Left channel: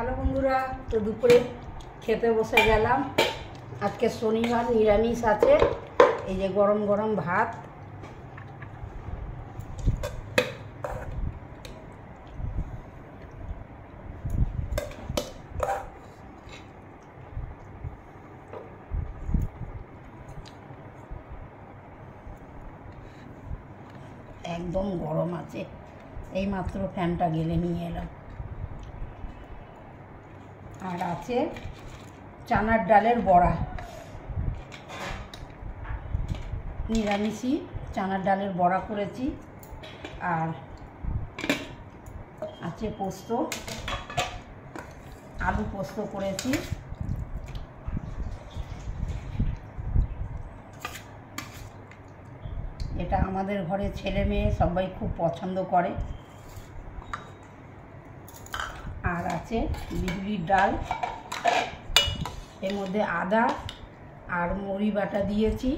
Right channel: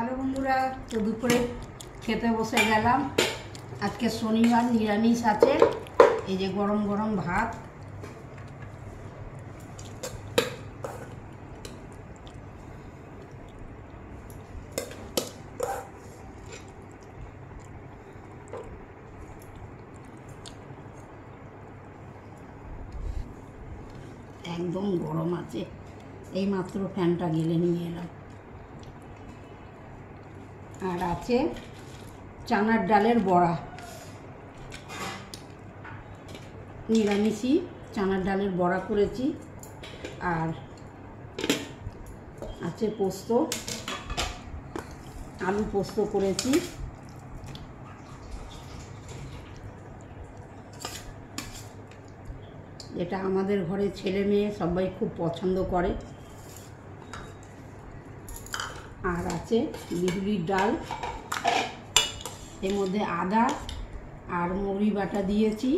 Hello বন্ধুরা, তো দুপুরে খেতে বসে গেলাম। আজকে শনিবার, নিরামিষ আছে। এই যে গরম গরম ভাত, একদম গরম আছে। এইমাত্র ফ্যানটা গেলে নিয়ে এলাম। আর আছে চানার ডালের বড়া, নিরামিষই চানার ডালের বড়া করেছি। আর আছে পোস্ত, আলু পোস্ত করেছি। এটা আমাদের ঘরে ছেলে মেয়ে সবাই খুব পছন্দ করে। আর আছে বিউলির ডাল, এর মধ্যে আদা আর মুড়ি বাটা দিয়েছি,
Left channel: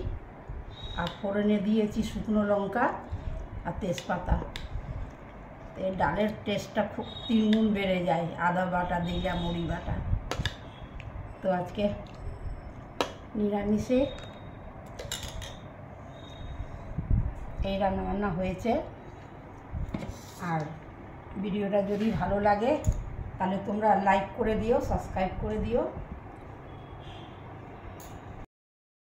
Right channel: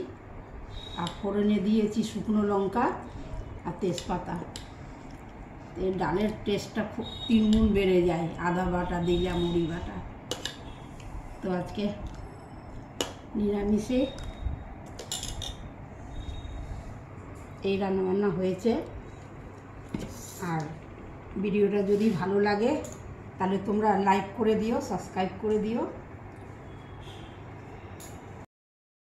আর ফোড়নে দিয়েছি শুকনো লঙ্কা আর তেজপাতা। এই ডালের টেস্টটা খুব 3 গুণ বেড়ে যায় আদা বাটা দিলে, মুড়ি বাটা। তো আজকে নিরামিষে এই রান্নাবান্না হয়েছে। আর ভিডিওটা যদি ভালো লাগে তাহলে তোমরা লাইক করে দিও, সাবস্ক্রাইব করে দিও।